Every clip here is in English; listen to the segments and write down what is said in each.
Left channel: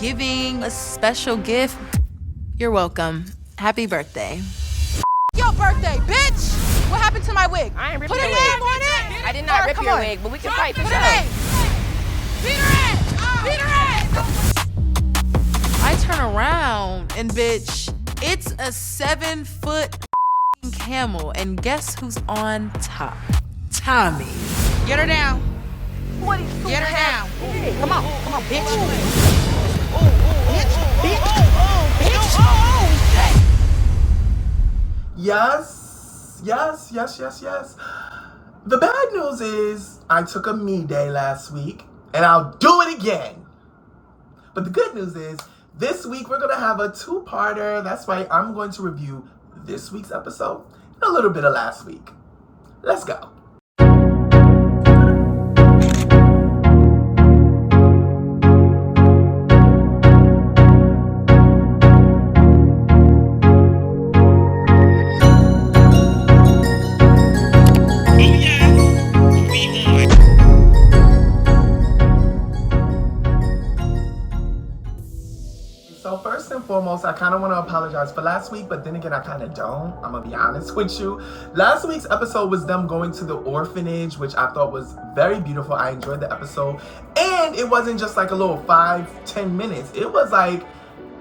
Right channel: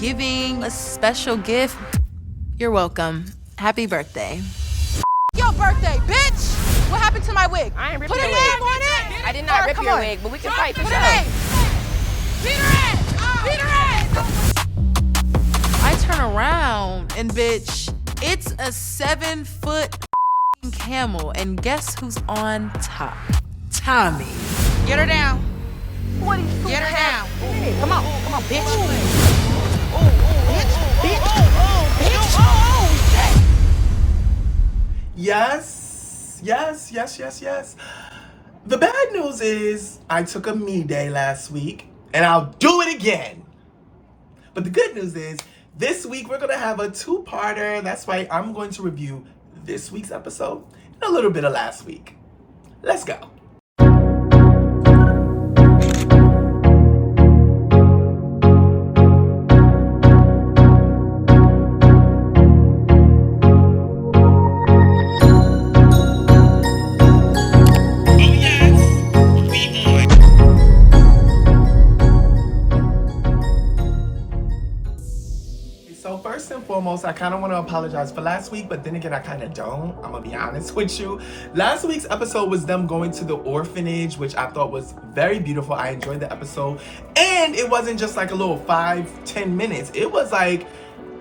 giving a special gift, you're welcome. Happy birthday. Your birthday, bitch! What happened to my wig? I ain't ripped Put your a wig. name on it! I did not rip your on. wig, but we can fight for Put sure. a name! Beat her ass! Beat her ass! I turn around and bitch, it's a 7-foot camel, and guess who's on top? Tommy. Get her down. What is Get her down. Come on, bitch. Yes. The bad news is I took a me day last week, and I'll do it again. But the good news is this week we're going to have a two-parter. That's right, I'm going to review this week's episode and a little bit of last week. Let's go. So first and foremost, I kind of want to apologize for last week, but then again, I kind of don't. I'm going to be honest with you. Last week's episode was them going to the orphanage, which I thought was very beautiful. I enjoyed the episode. And it wasn't just like a little 5-10 minutes. It was like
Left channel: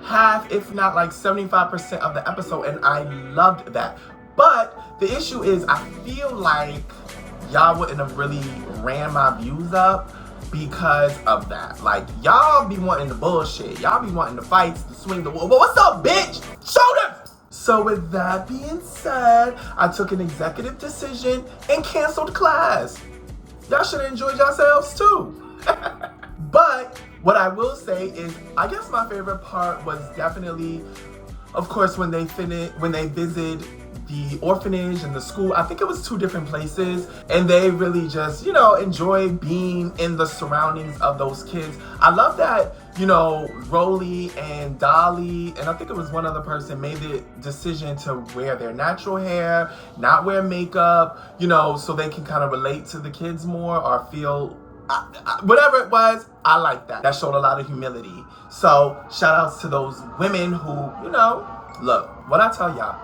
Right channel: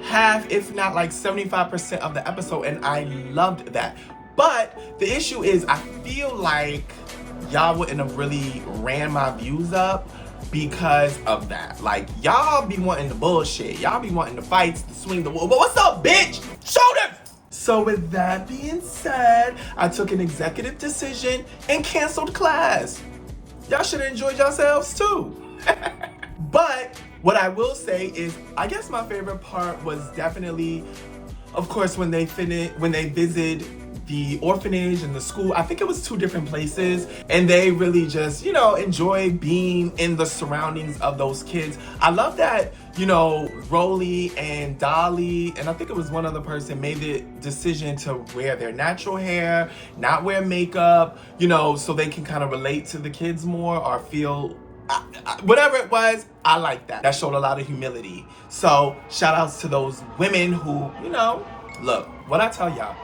half, if not like 75% of the episode, and I loved that. But the issue is I feel like y'all wouldn't have really ran my views up because of that. Like, y'all be wanting the bullshit. Y'all be wanting the fights, the swing, the wall. But what's up, bitch? Show them! So with that being said, I took an executive decision and canceled class. Y'all should have enjoyed yourselves too. But what I will say is, I guess my favorite part was definitely, of course, when they visited the orphanage and the school. I think it was 2 different places, and they really just, enjoy being in the surroundings of those kids. I love that, Rolly and Dolly, and I think it was one other person, made the decision to wear their natural hair, not wear makeup, so they can kind of relate to the kids more or feel, whatever it was. I like that. That showed a lot of humility. So shout outs to those women who, look, what I tell y'all,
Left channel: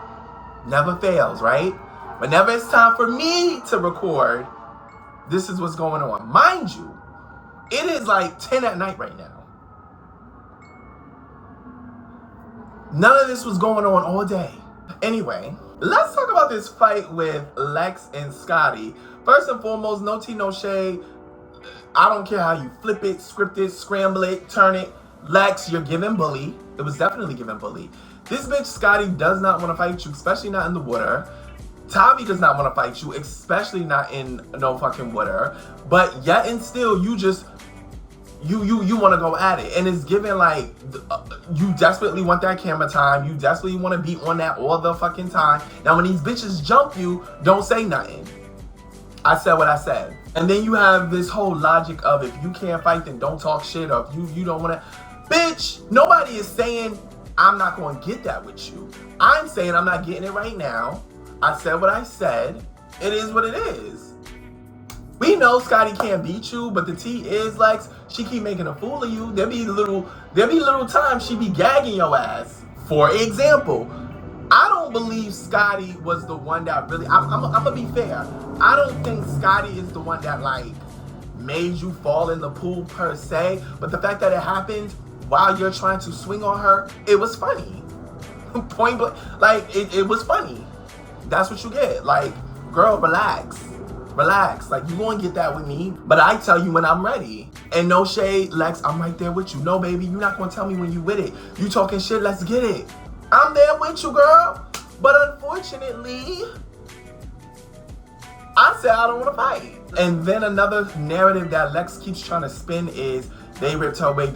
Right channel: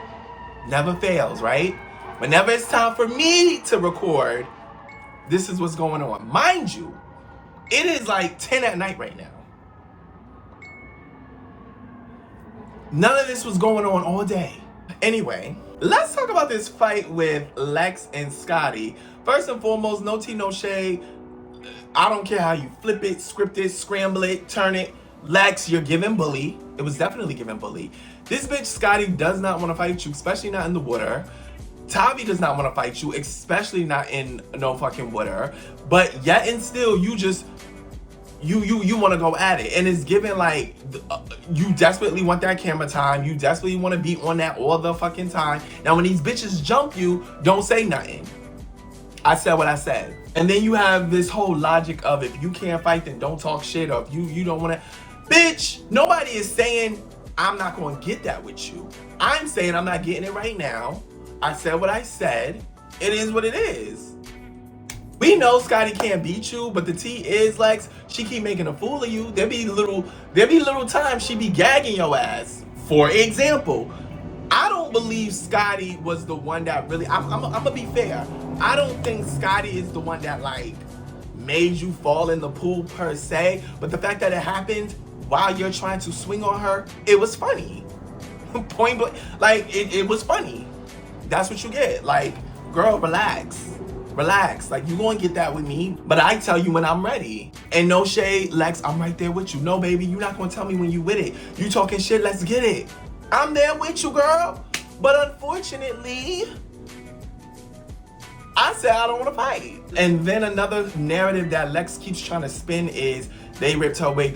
never fails, right? Whenever it's time for me to record, this is what's going on. Mind you, it is like 10 at night right now. None of this was going on all day. Anyway, let's talk about this fight with Lex and Scotty. First and foremost, no tea, no shade. I don't care how you flip it, script it, scramble it, turn it. Lex, you're giving bully. It was definitely giving bully. This bitch, Scotty, does not want to fight you, especially not in the water. Tavi does not want to fight you, especially not in no fucking water. But yet and still, you just, you want to go at it. And it's giving like, you desperately want that camera time. You desperately want to be on that all the fucking time. Now, when these bitches jump you, don't say nothing. I said what I said. And then you have this whole logic of if you can't fight, then don't talk shit. Or if you don't want to. Bitch, nobody is saying I'm not going to get that with you. I'm saying I'm not getting it right now. I said what I said. It is what it is. We know Scotty can't beat you, but the T is like, she keep making a fool of you. There be little times she be gagging your ass. For example, I don't believe Scotty was the one that really, I'm gonna be fair. I don't think Scotty is the one that like made you fall in the pool per se, but the fact that it happened while you're trying to swing on her, it was funny. Point blank, like it was funny. That's what you get. Like, girl, relax. Like, you gonna get that with me, but I tell you when I'm ready. And no shade, Lex, I'm right there with you. No, baby, you're not gonna tell me when you with it. You talking shit, let's get it. I'm there with you, girl. But unfortunately, I said I don't want to fight. And then another narrative that Lex keeps trying to spin is they ripped her wig.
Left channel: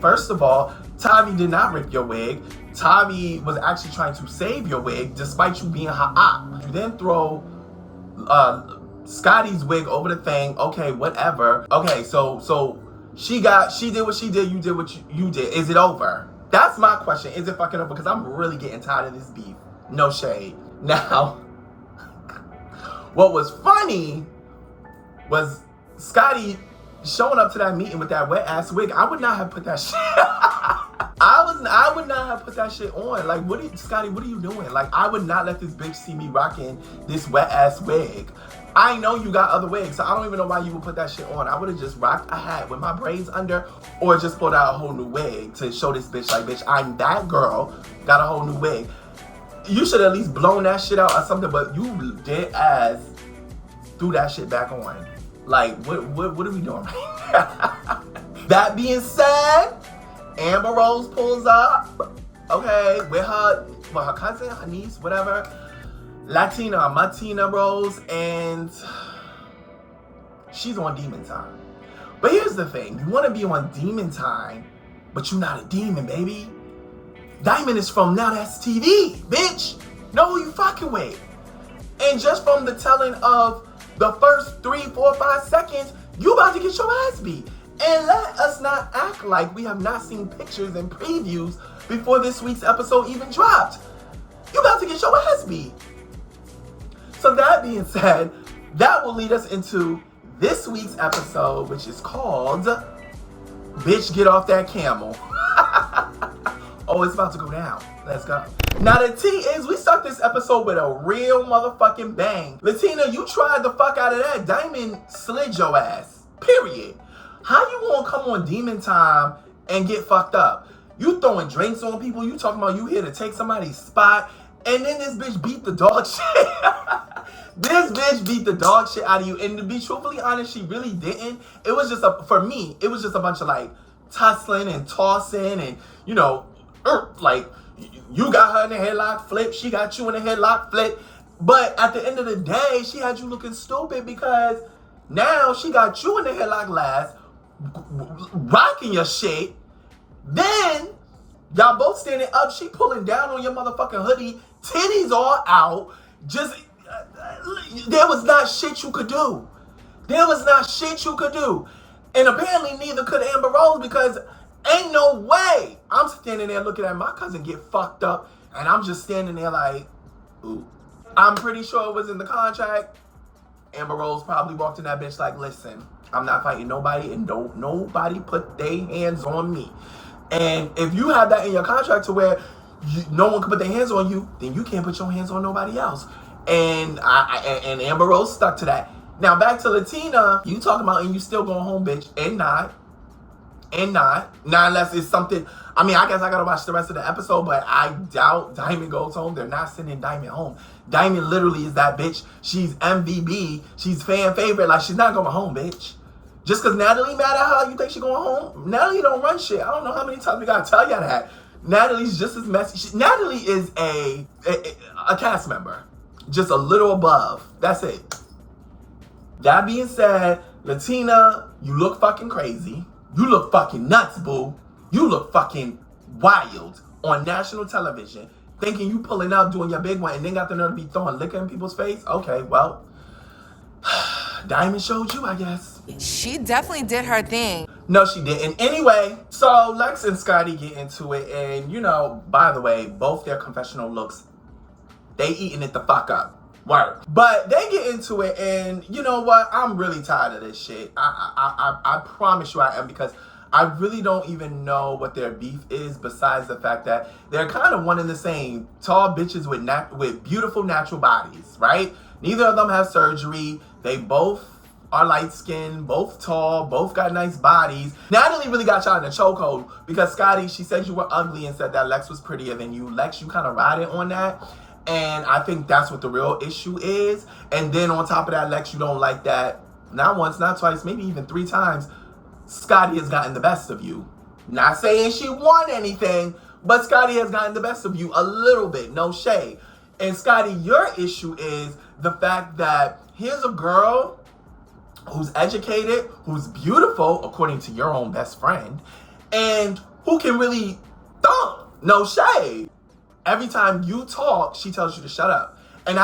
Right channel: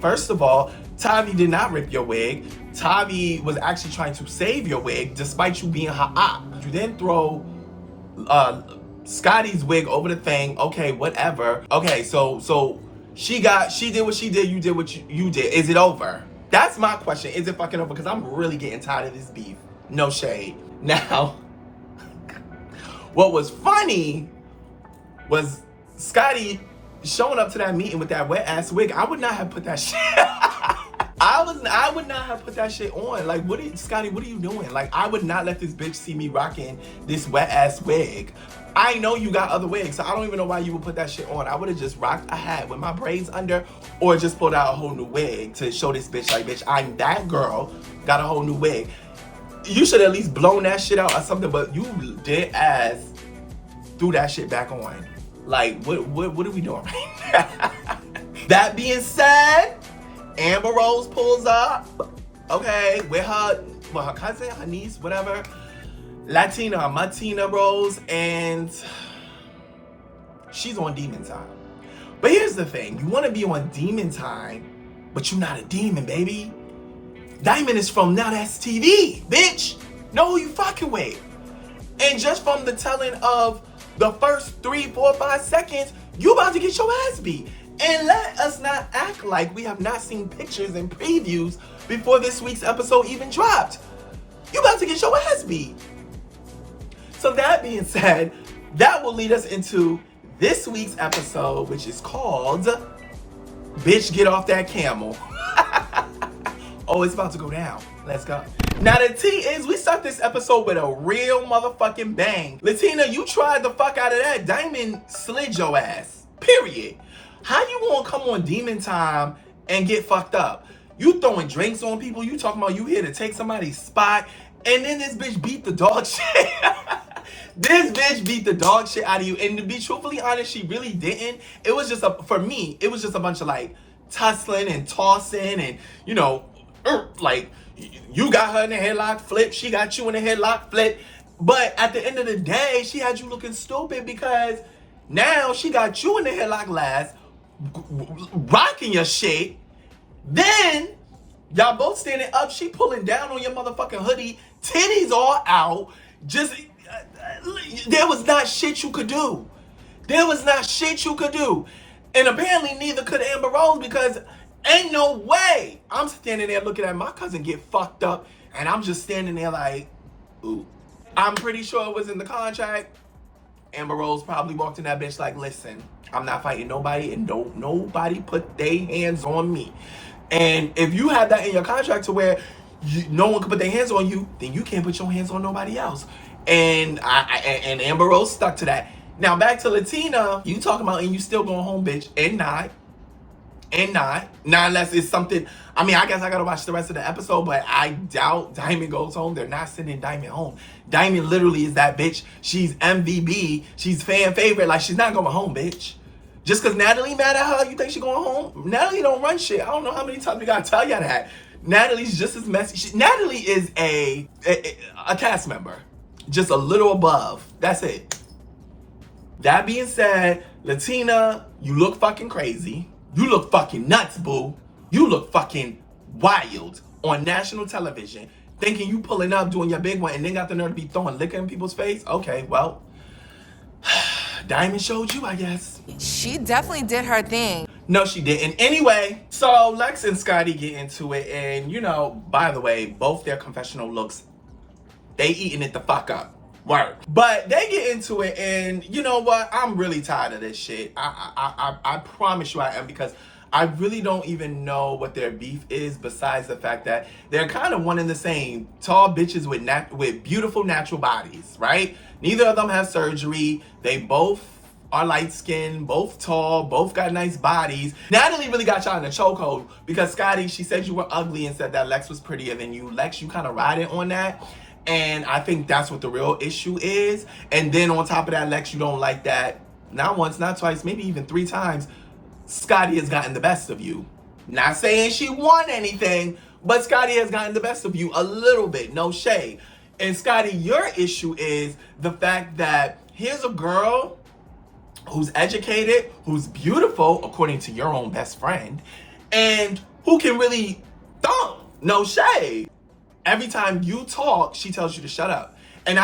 First of all, Tavi did not rip your wig. Tavi was actually trying to save your wig despite you being her op. You then throw Scotty's wig over the thing. Okay, whatever. Okay, so she did what she did, you did what you did. Is it over? That's my question. Is it fucking over? Because I'm really getting tired of this beef. No shade. Now, what was funny was Scotty showing up to that meeting with that wet ass wig. I would not have put that shit. I would not have put that shit on. Like, Scotty, what are you doing? Like, I would not let this bitch see me rocking this wet ass wig. I know you got other wigs, so I don't even know why you would put that shit on. I would have just rocked a hat with my braids under, or just pulled out a whole new wig to show this bitch, like, bitch, I'm that girl, got a whole new wig. You should at least blown that shit out or something, but you did as threw that shit back on. Like, what are we doing right now? That being said, Amber Rose pulls up, okay, with her cousin, her niece, whatever, Martina Rose, and she's on demon time. But here's the thing, you want to be on demon time, but you're not a demon, baby. Diamond is from Now That's TV, bitch. Know who you fucking with. And just from the telling of the first 3, 4, 5 seconds, you about to get your ass beat. And let us not act like we have not seen pictures and previews before this week's episode even dropped. You about to get your ass beat. So that being said, that will lead us into this week's episode, which is called Bitch Get Off That Camel. Oh, it's about to go down. Let's go. Now the tea is, we start this episode with a real motherfucking bang. Latina, you tried the fuck out of that. Diamond slid your ass. Period. How you gonna come on demon time and get fucked up? You throwing drinks on people, you talking about you here to take somebody's spot, and then this bitch beat the dog shit. This bitch beat the dog shit out of you. And to be truthfully honest, she really didn't. It was just for me, it was just a bunch of like tussling and tossing and, you know, like, you got her in the headlock flip, she got you in the headlock flip. But at the end of the day, she had you looking stupid because now she got you in the headlock last, rocking your shit. Then, y'all both standing up, she pulling down on your motherfucking hoodie, titties all out. Just, there was not shit you could do. There was not shit you could do. And apparently neither could Amber Rose, because ain't no way I'm standing there looking at my cousin get fucked up, and I'm just standing there like, ooh. I'm pretty sure it was in the contract. Amber Rose probably walked in that bitch like, listen, I'm not fighting nobody, and don't nobody put their hands on me. And if you have that in your contract to where no one can put their hands on you, then you can't put your hands on nobody else. And and Amber Rose stuck to that. Now back to Latina, you talking about, and you still going home, bitch, and not, unless it's something. I mean, I guess I gotta watch the rest of the episode, but I doubt Diamond goes home. They're not sending Diamond home. Diamond literally is that bitch. She's MVB. She's fan favorite. Like, she's not going home, bitch. Just because Natalie mad at her, you think she going home? Natalie don't run shit. I don't know how many times we gotta tell y'all that. Natalie's just as messy. Natalie is a cast member. Just a little above. That's it. That being said, Latina, you look fucking crazy. You look fucking nuts, boo. You look fucking wild on national television, thinking you pulling up, doing your big one, and then got the nerve to be throwing liquor in people's face? Okay, well, Diamond showed you, I guess. She definitely did her thing. No, she didn't. Anyway, so Lex and Scotty get into it, and, you know, by the way, both their confessional looks, they eating it the fuck up. Word. But they get into it, and you know what? I'm really tired of this shit. I promise you I am, because I really don't even know what their beef is, besides the fact that they're kind of one and the same. Tall bitches with beautiful natural bodies, right? Neither of them have surgery. They both are light-skinned, both tall, both got nice bodies. Natalie really got y'all in a chokehold because Scotty, she said you were ugly and said that Lex was prettier than you. Lex, you kind of riding on that. And I think that's what the real issue is. And then on top of that, Lex, you don't like that. Not once, not twice, maybe even 3 times. Scotty has gotten the best of you. Not saying she won anything, but Scotty has gotten the best of you a little bit, no shade. And Scotty, your issue is the fact that here's a girl who's educated, who's beautiful, according to your own best friend, and who can really thump, no shade. Every time you talk, she tells you to shut up. And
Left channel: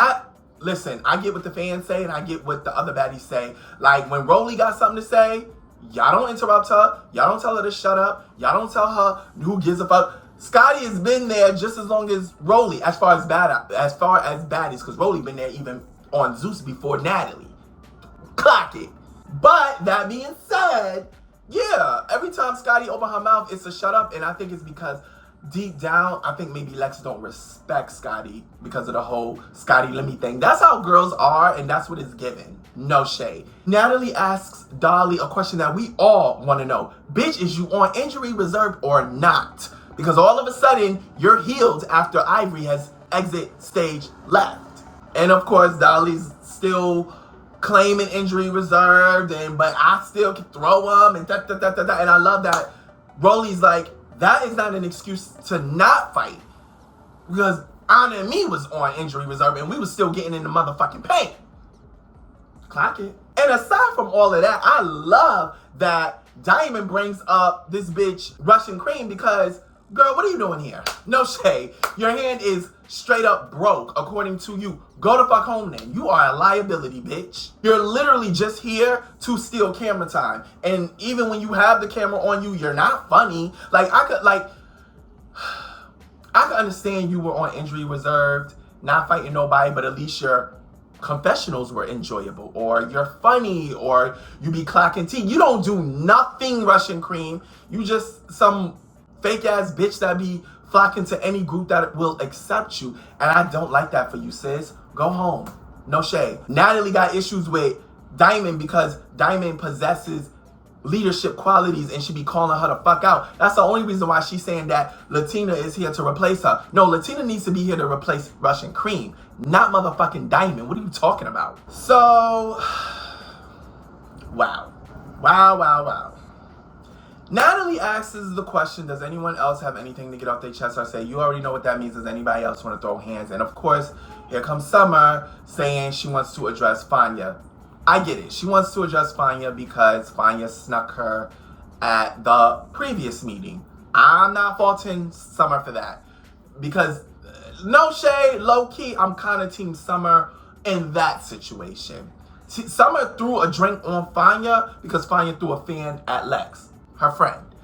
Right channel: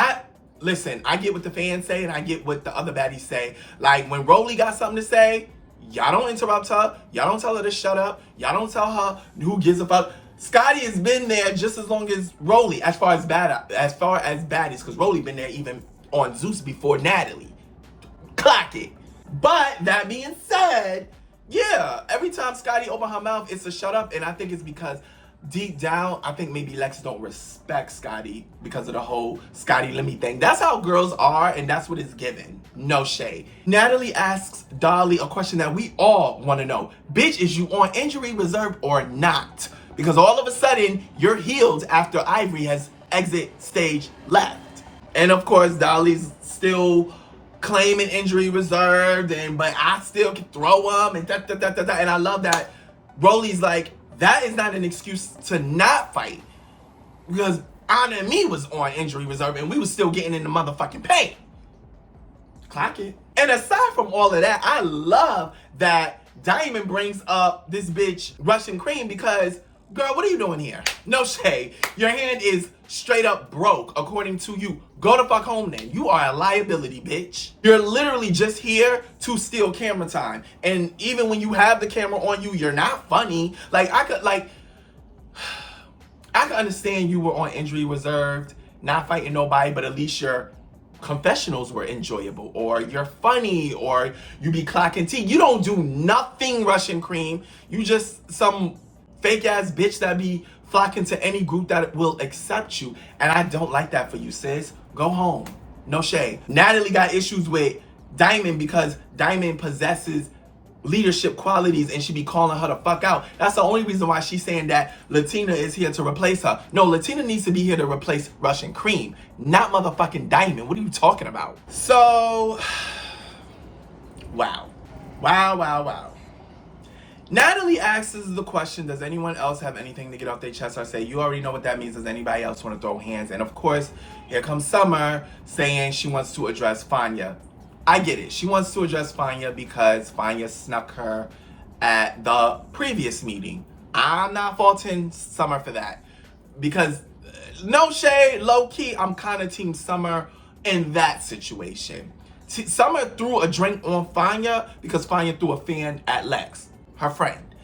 listen, I get what the fans say and I get what the other baddies say. Like when Rolly got something to say, y'all don't interrupt her. Y'all don't tell her to shut up. Y'all don't tell her who gives a fuck. Scotty has been there just as long as Rolly, as far as baddies, because Rolly been there even on Zeus before Natalie. Clock it. But that being said, yeah, every time Scotty open her mouth, it's a shut up, and I think it's because deep down, I think maybe Lex don't respect Scotty because of the whole Scotty Lemmy thing. That's how girls are, and that's what it's given. No shade. Natalie asks Dolly a question that we all want to know. Bitch, is you on injury reserve or not? Because all of a sudden, you're healed after Ivory has exit stage left. And of course, Dolly's still claiming injury reserved, but I still can throw him, and And I love that Rolly's like, that is not an excuse to not fight. Because Anna and me was on injury reserve and we was still getting in the motherfucking paint. Clock it. And aside from all of that, I love that Diamond brings up this bitch Russian Cream because, girl, what are you doing here? No shade. Your hand is straight up broke, according to you. Go the fuck home then. You are a liability, bitch. You're literally just here to steal camera time. And even when you have the camera on you, you're not funny. Like, I could understand you were on injury reserved, not fighting nobody, but at least your confessionals were enjoyable, or you're funny, or you be clocking tea. You don't do nothing, Russian Cream. You just some fake ass bitch that be flocking to any group that will accept you. And I don't like that for you, sis. Go home. No shade. Natalie got issues with Diamond because Diamond possesses leadership qualities and she be calling her the fuck out. That's the only reason why she's saying that Latina is here to replace her. No, Latina needs to be here to replace Russian Cream, not motherfucking Diamond. What are you talking about? So, wow. Natalie asks the question, does anyone else have anything to get off their chest or say? You already know what that means. Does anybody else want to throw hands? And of course, here comes Summer saying she wants to address Fanya. I get it. She wants to address Fanya because Fanya snuck her at the previous meeting. I'm not faulting Summer for that. Because, no shade, low key, I'm kind of team Summer in that situation. Summer threw a drink on Fanya because Fanya threw a fan at Lex, her friend.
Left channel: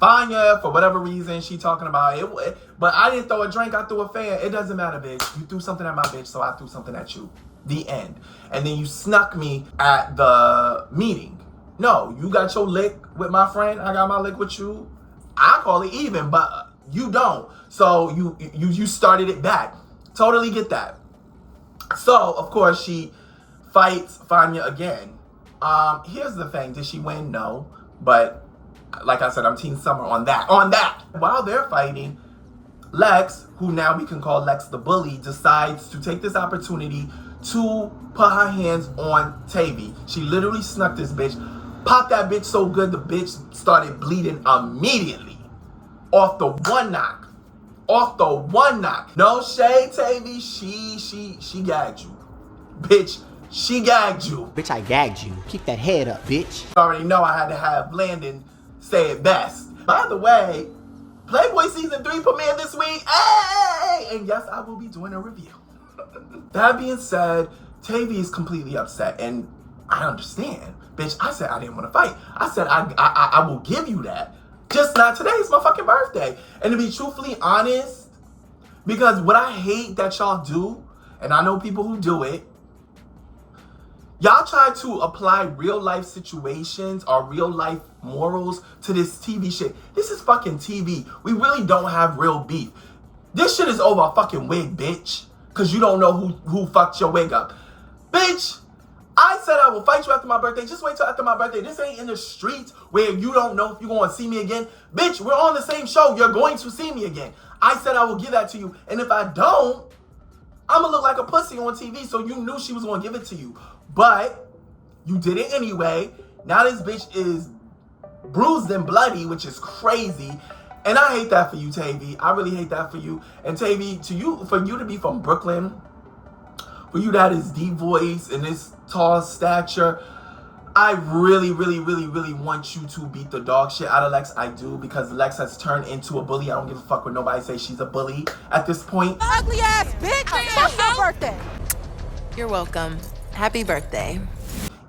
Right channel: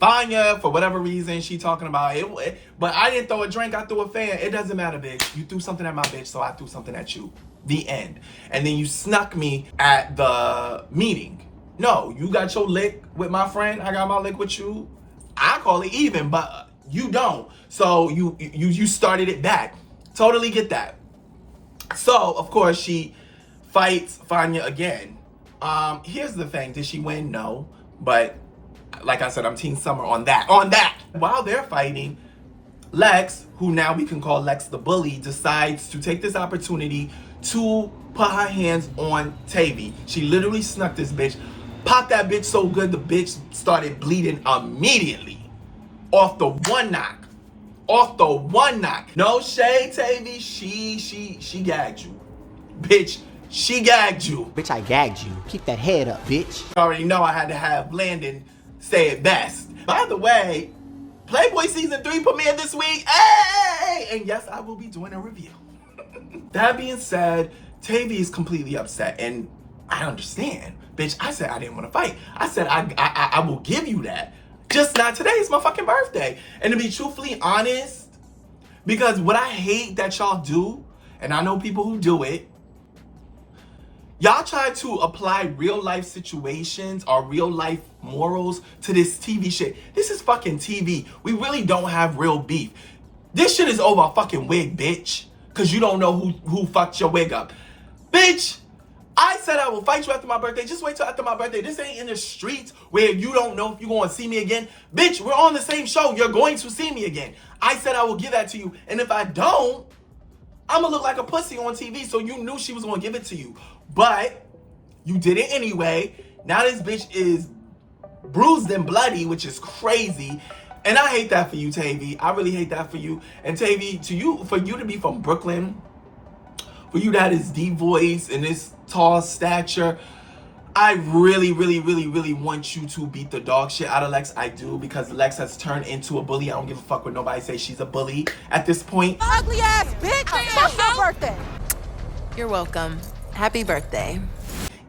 Fanya, for whatever reason, she talking about it. But I didn't throw a drink, I threw a fan. It doesn't matter, bitch. You threw something at my bitch, so I threw something at you. The end. And then you snuck me at the meeting. No, you got your lick with my friend. I got my lick with you. I call it even, but you don't. So you started it back. Totally get that. So, of course, she fights Fanya again. Here's the thing. Did she win? No. But like I said, I'm Team Summer on that. While they're fighting, Lex, who now we can call Lex the bully, decides to take this opportunity to put her hands on Tavy. She literally snuck this bitch, popped that bitch so good the bitch started bleeding immediately. Off the one knock. No shade, Tavy. She gagged you. Bitch, she gagged you. Bitch, I gagged you. Keep that head up, bitch. You already know I had to have Landon say it best. By the way, Playboy Season 3 premiered this week. Hey! And yes, I will be doing a review. That being said, Tavy is completely upset, and I understand. Bitch, I said I didn't want to fight. I said I will give you that. Just not today. It's my fucking birthday. And to be truthfully honest, because what I hate that y'all do, and I know people who do it, y'all try to apply real life situations or real life morals to this TV shit. This is fucking TV. We really don't have real beef. This shit is over a fucking wig, bitch. Cause you don't know who fucked your wig up. Bitch, I said I will fight you after my birthday. Just wait till after my birthday. This ain't in the streets where you don't know if you're going to see me again. Bitch, we're on the same show. You're going to see me again. I said I will give that to you. And if I don't, I'm going to look like a pussy on TV. So you knew she was going to give it to you. But you did it anyway. Now this bitch is bruised and bloody, which is crazy. And I hate that for you, Tavy. I really hate that for you. And Tavy, for you to be from Brooklyn, for you to have this deep voice and this tall stature, I really want you to beat the dog shit out of Lex. I do, because Lex has turned into a bully. I don't give a fuck what nobody says. She's a bully at this point. Ugly ass bitch! It's your birthday! You're welcome. Happy birthday.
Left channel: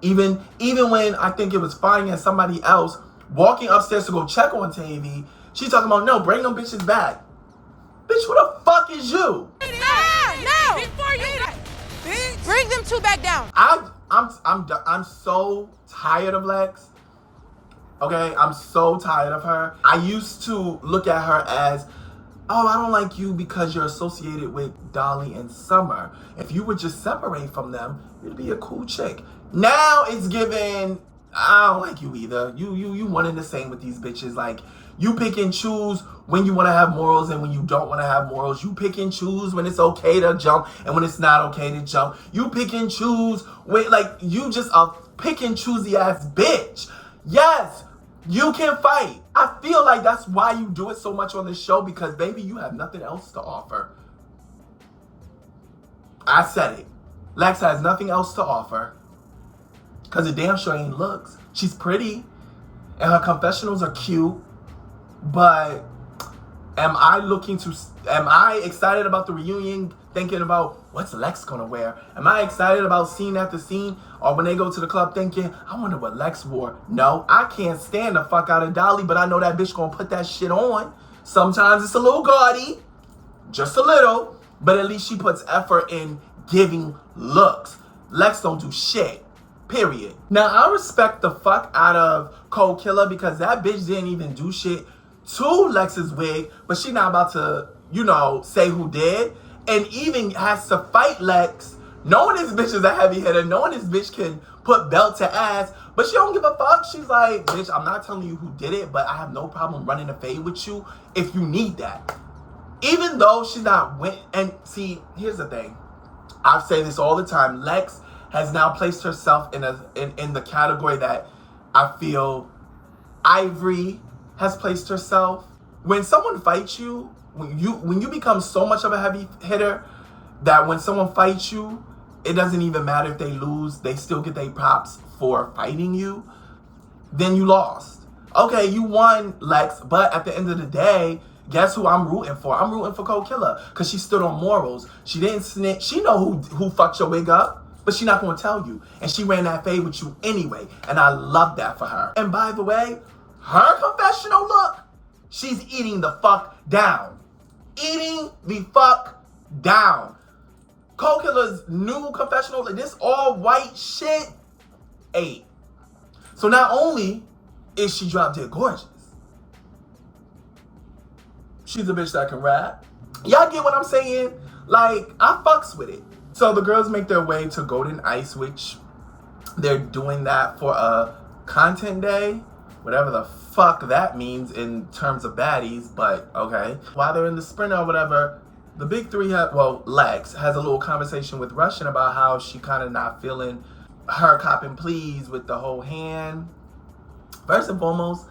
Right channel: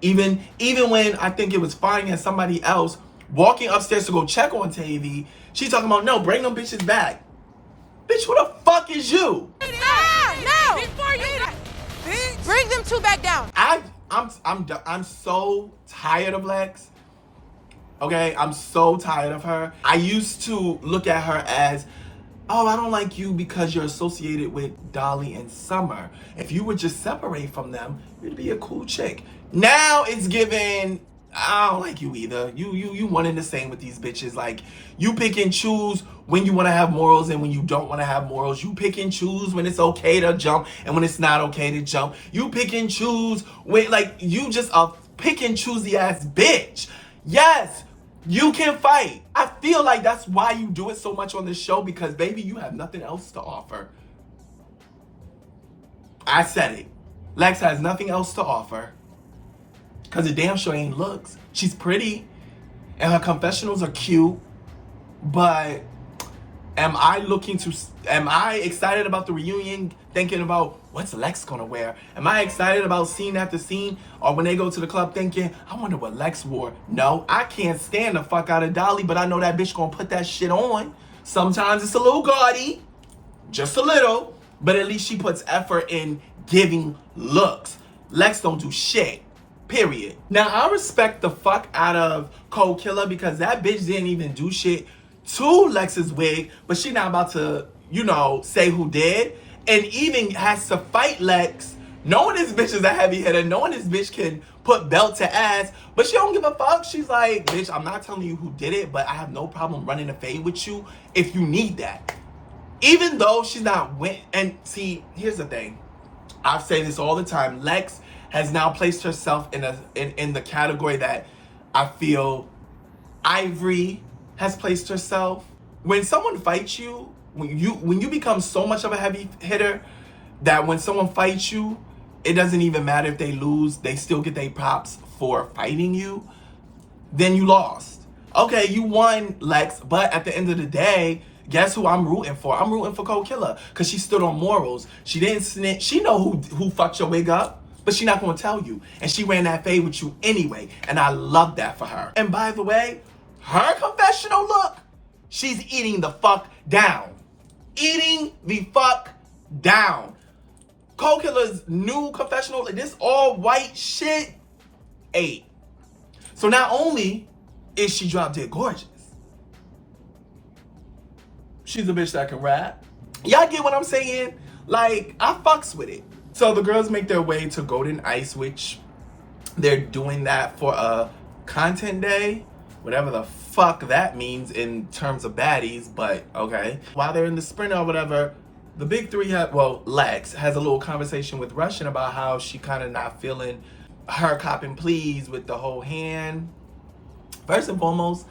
Even when I think it was fine and somebody else walking upstairs to go check on Tavy, she's talking about, no, bring them bitches back. Bitch, who the fuck is you? No! Before you bitch! Bring them two back down. I'm so tired of Lex. Okay, I'm so tired of her. I used to look at her as oh, I don't like you because you're associated with Dolly and Summer. If you would just separate from them, you'd be a cool chick. Now it's given, I don't like you either. You one and the same with these bitches. Like, you pick and choose when you want to have morals and when you don't want to have morals. You pick and choose when it's okay to jump and when it's not okay to jump. You pick and choose when, like, you just a pick and choosy ass bitch. Yes, you can fight. I feel like that's why you do it so much on this show, because baby, you have nothing else to offer. I said it. Lex has nothing else to offer. Because the damn sure ain't looks. She's pretty. And her confessionals are cute. But am I excited about the reunion, thinking about what's Lex gonna wear? Am I excited about scene after scene? Or when they go to the club thinking, I wonder what Lex wore? No, I can't stand the fuck out of Dolly, but I know that bitch gonna put that shit on. Sometimes it's a little gaudy. Just a little. But at least she puts effort in giving looks. Lex don't do shit. Period. Now, I respect the fuck out of Cold Killer because that bitch didn't even do shit to Lex's wig, but she not about to, you know, say who did, and even has to fight Lex, knowing this bitch is a heavy hitter, knowing this bitch can put belt to ass, but she don't give a fuck. She's like, bitch, I'm not telling you who did it, but I have no problem running a fade with you if you need that. Even though she's not and see, here's the thing. I say this all the time. Lex has now placed herself in the category that I feel Ivory has placed herself. When someone fights you, when you become so much of a heavy hitter that when someone fights you, it doesn't even matter if they lose, they still get their props for fighting you, then you lost. Okay, you won, Lex, but at the end of the day, guess who I'm rooting for? I'm rooting for Cold Killer because she stood on morals. She didn't snitch. She know who fucked your wig up, but she not gonna tell you. And she ran that fade with you anyway, and I love that for her. And by the way, her confessional look, she's eating the fuck down. Eating the fuck down. Cold Killer's new confessional, this all white shit, 8. So not only is she drop dead gorgeous, she's a bitch that can rap. Y'all get what I'm saying? Like, I fucks with it. So the girls make their way to Golden Ice, which they're doing that for a content day. Whatever the fuck that means in terms of baddies, but okay. While they're in the sprint or whatever, the big three Lex has a little conversation with Russian about how she kind of not feeling her copping please with the whole hand. First and foremost,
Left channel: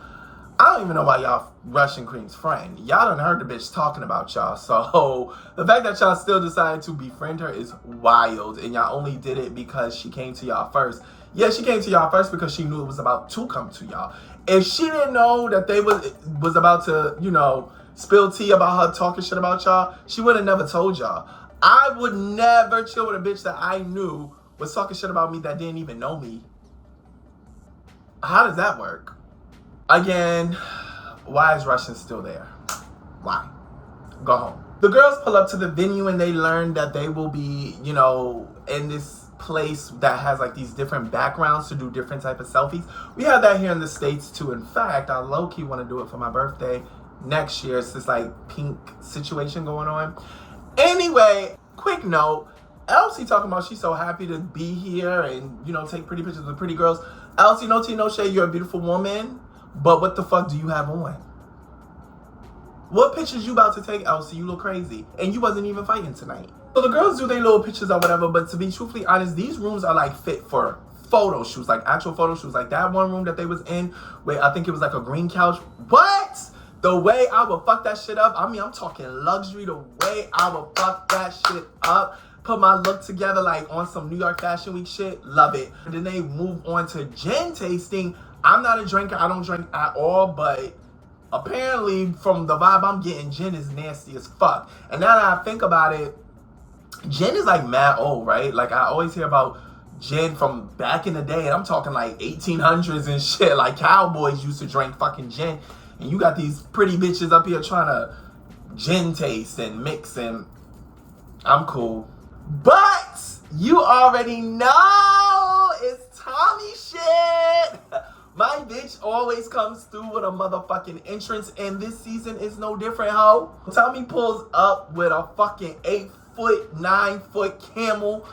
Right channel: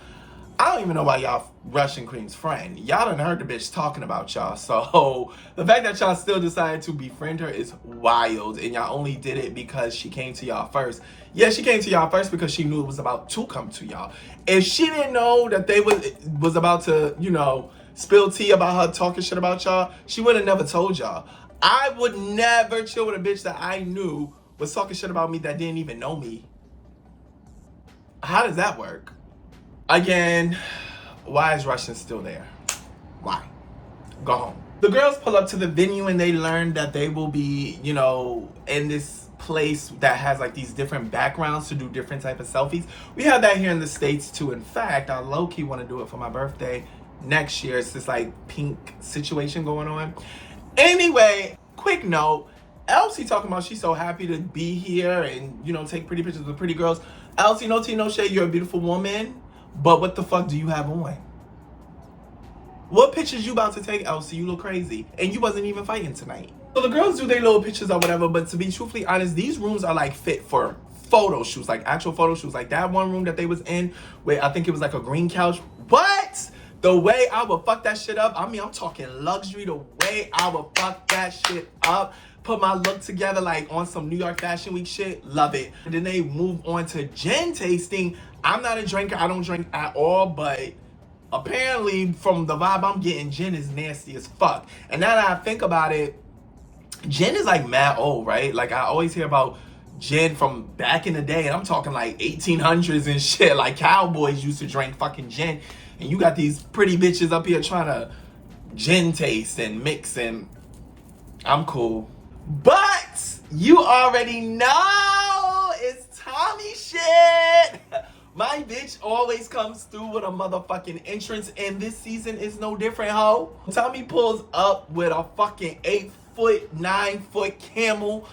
I don't even know why y'all Russian Queen's friend. Y'all done heard the bitch talking about y'all. So the fact that y'all still decided to befriend her is wild. And y'all only did it because she came to y'all first. Yeah, she came to y'all first because she knew it was about to come to y'all. If she didn't know that they was about to, you know, spill tea about her talking shit about y'all, she would have never told y'all. I would never chill with a bitch that I knew was talking shit about me that didn't even know me. How does that work? Again, why is Russian still there? Why? Go home. The girls pull up to the venue and they learn that they will be, you know, in this place that has like these different backgrounds to do different type of selfies. We have that here in the States too. In fact, I low-key want to do it for my birthday next year. It's this like pink situation going on. Anyway, quick note. Elsie talking about she's so happy to be here and, you know, take pretty pictures with pretty girls. Elsie, no tea, no shade. You're a beautiful woman. But what the fuck do you have on? What pictures you about to take, Elsie? You look crazy. And you wasn't even fighting tonight. So the girls do their little pictures or whatever, but to be truthfully honest, these rooms are like fit for photo shoots, like actual photo shoots. Like that one room that they was in, where I think it was like a green couch. What? The way I would fuck that shit up, I mean, I'm talking luxury, the way I would fuck that shit up. Put my look together like on some New York Fashion Week shit. Love it. And then they move on to gin tasting. I'm not a drinker. I don't drink at all, but apparently from the vibe I'm getting, gin is nasty as fuck. And now that I think about it, gin is like mad old, right? Like I always hear about gin from back in the day, and I'm talking like 1800s and shit. Like cowboys used to drink fucking gin. And you got these pretty bitches up here trying to gin taste and mix, and I'm cool. But you already know it's Tommy shit. My bitch always comes through with a motherfucking entrance, and this season is no different, ho. Tommy pulls up with a fucking 8-foot, 9-foot camel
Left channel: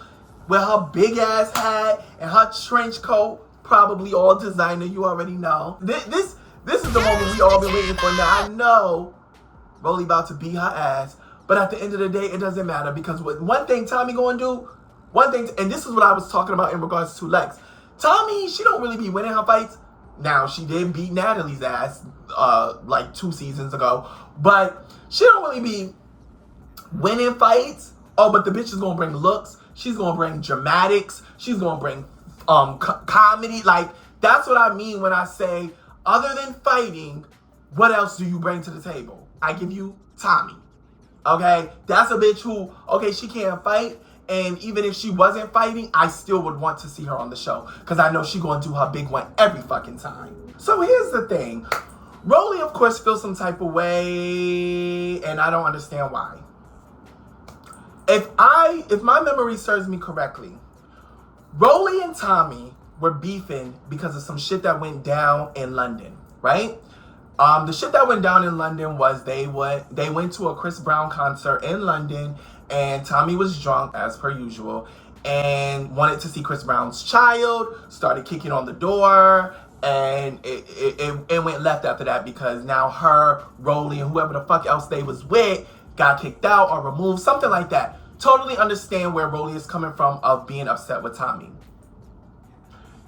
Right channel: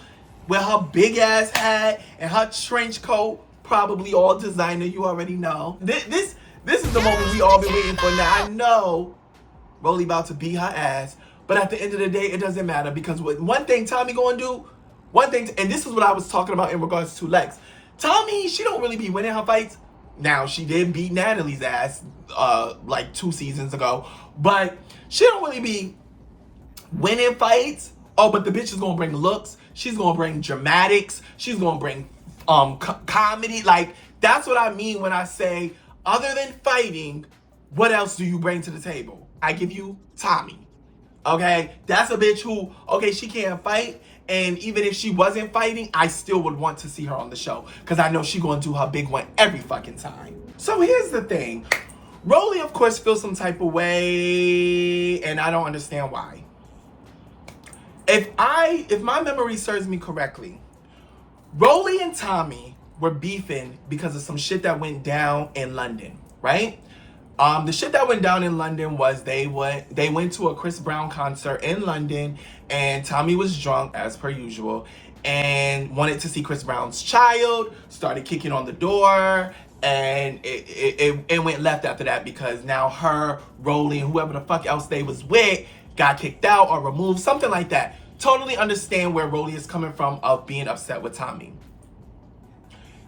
with her big ass hat and her trench coat, probably all designer, you already know. This is the moment we all been waiting for now. I know Rolly about to beat her ass, but at the end of the day, it doesn't matter, because what one thing Tommy gonna do, and this is what I was talking about in regards to Lex. Tommy, she don't really be winning her fights. Now, she did beat Natalie's ass like 2 seasons ago, but she don't really be winning fights. Oh, but the bitch is gonna bring looks. She's gonna bring dramatics. She's gonna bring comedy. Like, that's what I mean when I say, other than fighting, what else do you bring to the table? I give you Tommy. Okay? That's a bitch who, okay, she can't fight. And even if she wasn't fighting, I still would want to see her on the show, because I know she's going to do her big one every fucking time. So here's the thing. Rolly, of course, feels some type of way, and I don't understand why. If my memory serves me correctly, Rolly and Tommy were beefing because of some shit that went down in London, right? The shit that went down in London was they went to a Chris Brown concert in London, and Tommy was drunk as per usual and wanted to see Chris Brown's child, started kicking on the door, and it went left after that, because now her, Rolly, and whoever the fuck else they was with got kicked out or removed, something like that. Totally understand where Rolly is coming from of being upset with Tommy.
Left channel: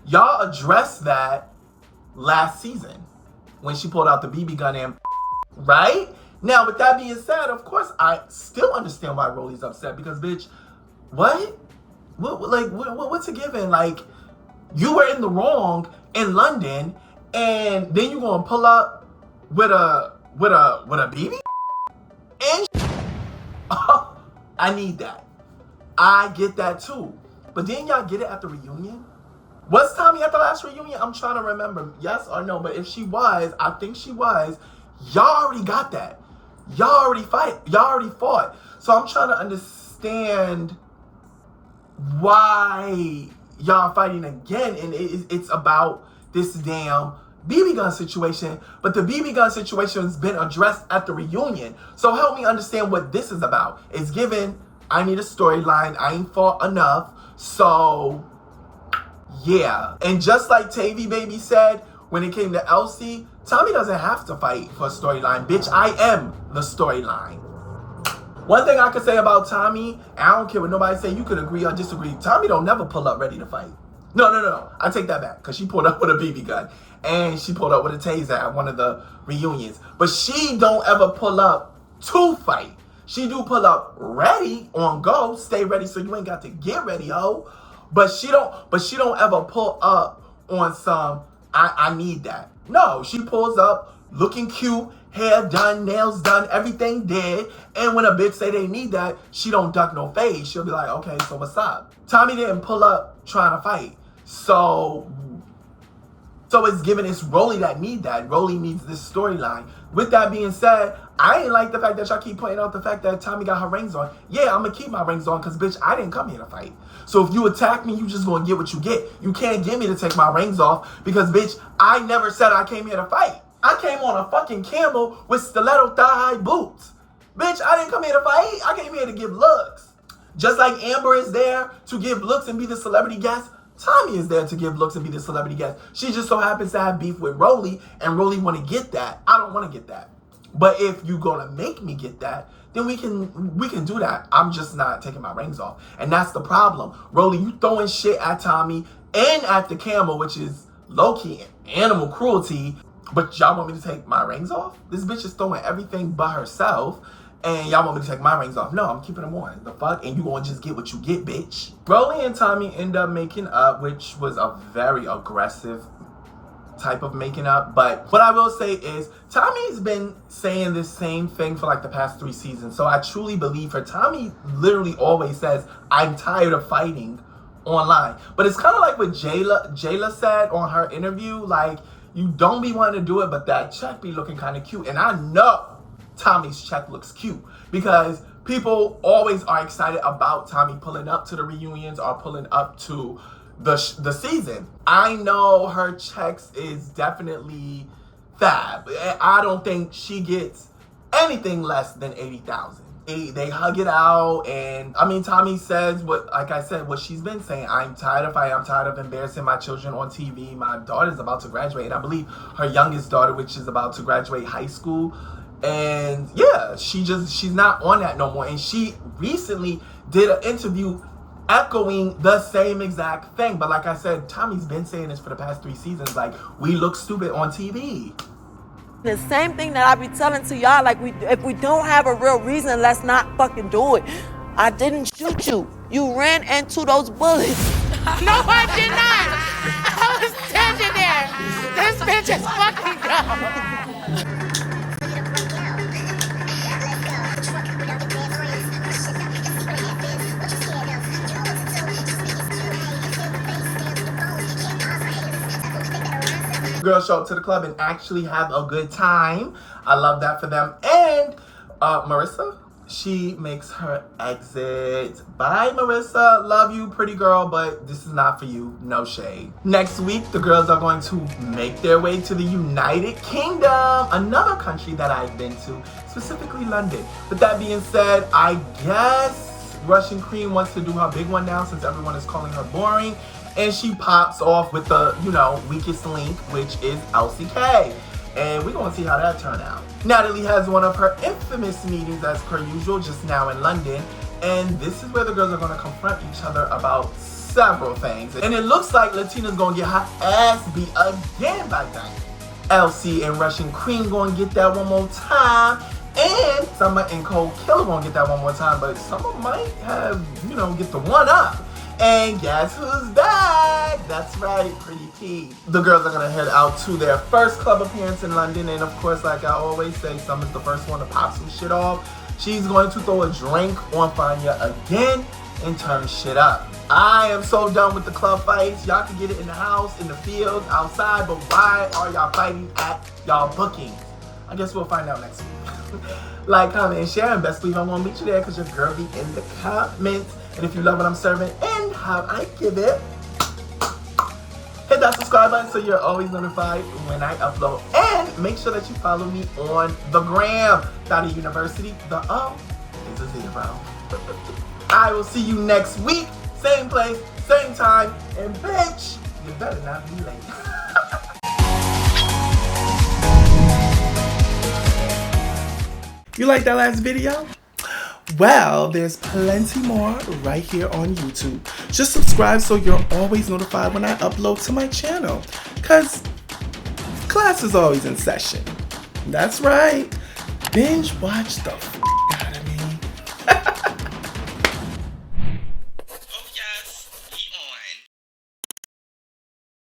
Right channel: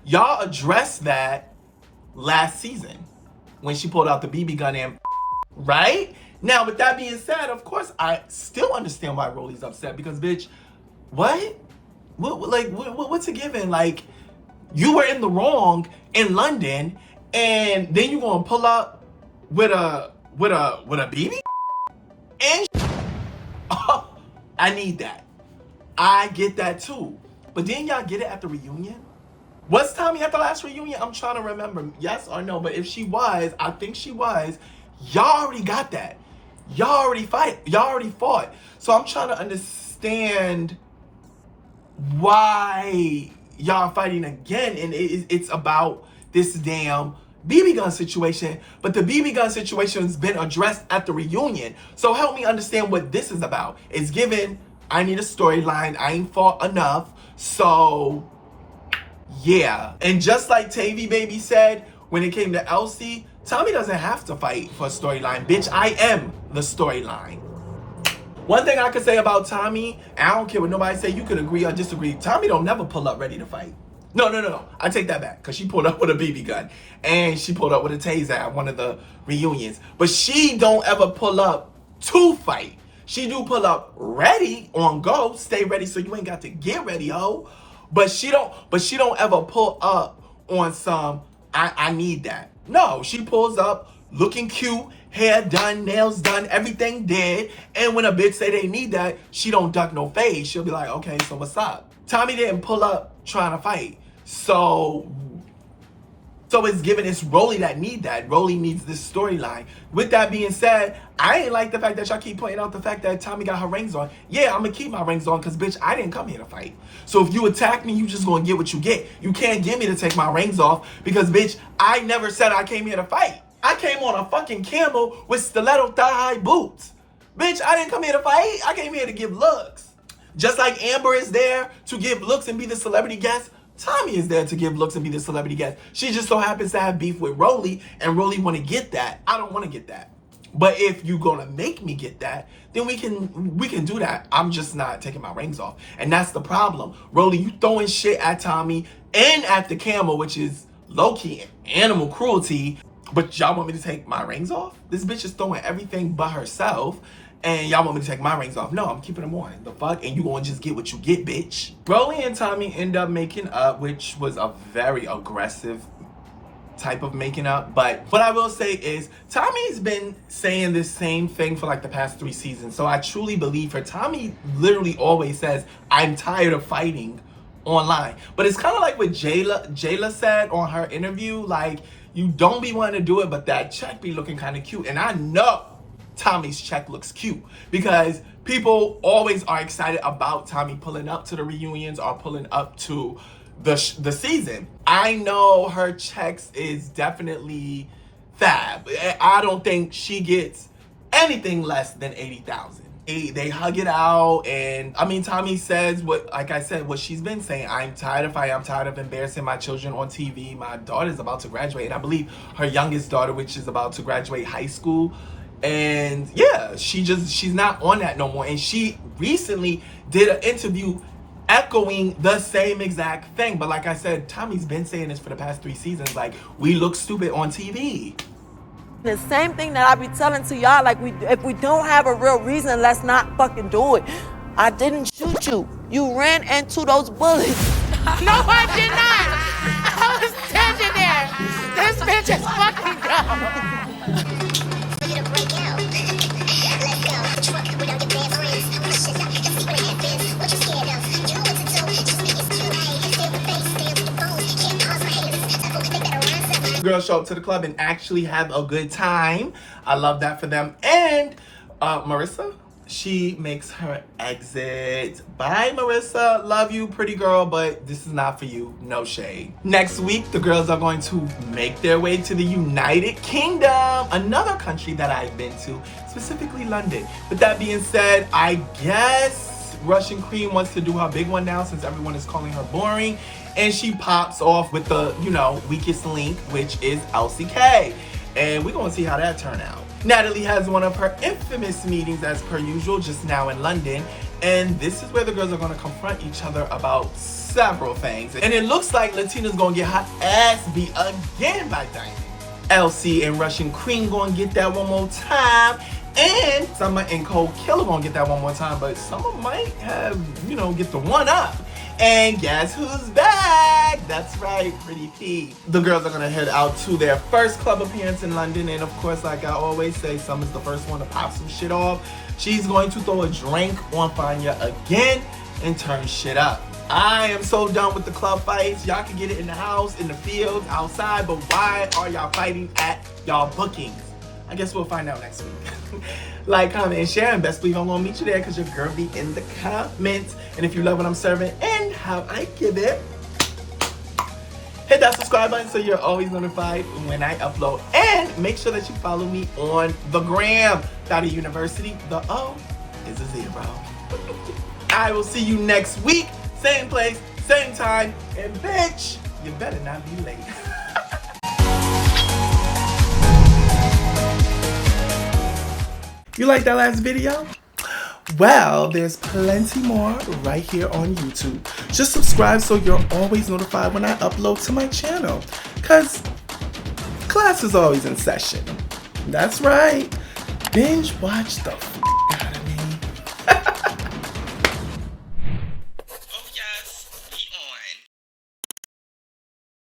Y'all addressed that last season when she pulled out the BB gun and right? Now, with that being said, of course, I still understand why Rolly's upset, because, bitch, what? What's a given? Like, you were in the wrong in London, and then you gonna pull up with a BB? And I need that. I get that too. But didn't y'all get it at the reunion? Was Tommy at the last reunion? I'm trying to remember. Yes or no? But if she was, I think she was. Y'all already got that. Y'all already fought. So I'm trying to understand why y'all fighting again. And it's about this damn BB gun situation. But the BB gun situation has been addressed at the reunion. So help me understand what this is about. It's given, I need a storyline. I ain't fought enough. So yeah. And just like Tavy Baby said, when it came to Elsie, Tommy doesn't have to fight for a storyline. Bitch, I am the storyline. One thing I could say about Tommy, and I don't care what nobody say, you could agree or disagree, Tommy don't never pull up ready to fight. No. I take that back, because she pulled up with a BB gun. And she pulled up with a taser at one of the reunions. But she don't ever pull up to fight. She do pull up ready, on go, stay ready so you ain't got to get ready, ho. But she don't ever pull up on some, I need that. No, she pulls up looking cute, hair done, nails done, everything did. And when a bitch say they need that, she don't duck no face. She'll be like, okay, so what's up? Tommy didn't pull up trying to fight. So it's giving it's Rolly that need that. Rolly needs this storyline. With that being said, I ain't like the fact that y'all keep pointing out the fact that Tommy got her rings on. Yeah, I'm gonna keep my rings on, because bitch, I didn't come here to fight. So if you attack me, you just gonna get what you get. You can't get me to take my rings off, because bitch, I never said I came here to fight. I came on a fucking camel with stiletto thigh-high boots. Bitch, I didn't come here to fight. I came here to give looks. Just like Amber is there to give looks and be the celebrity guest, Tommy is there to give looks and be the celebrity guest. She just so happens to have beef with Rolly, and Rolly want to get that. I don't want to get that. But if you gonna make me get that, then we can do that. I'm just not taking my rings off. And that's the problem. Rolly, you throwing shit at Tommy and at the camel, which is low-key animal cruelty, but y'all want me to take my rings off? This bitch is throwing everything but herself, and y'all want me to take my rings off? No, I'm keeping them on. The fuck? And you gonna just get what you get, bitch. Rolly and Tommy end up making up, which was a very aggressive type of making up. But what I will say is, Tommy's been saying this same thing for like the past 3 seasons. So I truly believe her. Tommy literally always says, I'm tired of fighting online. But it's kind of like what Jayla said on her interview. Like, you don't be wanting to do it, but that check be looking kind of cute. And I know Tommy's check looks cute, because people always are excited about Tommy pulling up to the reunions or pulling up to the season. I know her checks is definitely fab. I don't think she gets anything less than 80,000. They hug it out, and I mean, Tommy says what, like I said, what she's been saying. I'm tired of embarrassing my children on TV. My daughter's about to graduate, and I believe her youngest daughter, which is about to graduate high school. And yeah, she's not on that no more. And she recently did an interview echoing the same exact thing. But like I said, Tommy's been saying this for the past 3 seasons. Like, we look stupid on TV. The same thing that I be telling to y'all, like, if we don't have a real reason, let's not fucking do it. I didn't shoot you. You ran into those bullets. No, I did not. I was standing there. This bitch is fucking gone. Girls show up to the club and actually have a good time. I love that for them. And Marissa, she makes her exit. Bye, Marissa. Love you, pretty girl, but this is not for you. No shade. Next week, the girls are going to make their way to the United Kingdom, another country that I've been to, specifically London. With that being said, I guess Russian Cream wants to do her big one now since everyone is calling her boring. And she pops off with the, weakest link, which is LCK. And we're going to see how that turn out. Natalie has one of her infamous meetings as per usual just now in London. And this is where the girls are going to confront each other about several things. And it looks like Latina's going to get her ass beat again by Diamond. LC and Russian Cream going to get that one more time. And Summer and Cold Killer going to get that one more time. But Summer might have, get the one up. And guess who's back? That's right, Pretty P. The girls are gonna head out to their first club appearance in London. And of course, like I always say, Summer's the first one to pop some shit off. She's going to throw a drink on Fanya again and turn shit up. I am so done with the club fights. Y'all can get it in the house, in the fields, outside, but why are y'all fighting at y'all bookings? I guess we'll find out next week. Like, comment, and share, and best believe I'm gonna meet you there because your girl be in the comments. And if you love what I'm serving and how I give it, hit that subscribe button so you're always notified when I upload. And make sure that you follow me on the gram. Dottie University, the O is a 0. I will see you next week, same place, same time, and bitch, you better not be late. You like that last video? Well, there's plenty more right here on YouTube. Just subscribe so you're always notified when I upload to my channel. Cause class is always in session. That's right. Binge watch the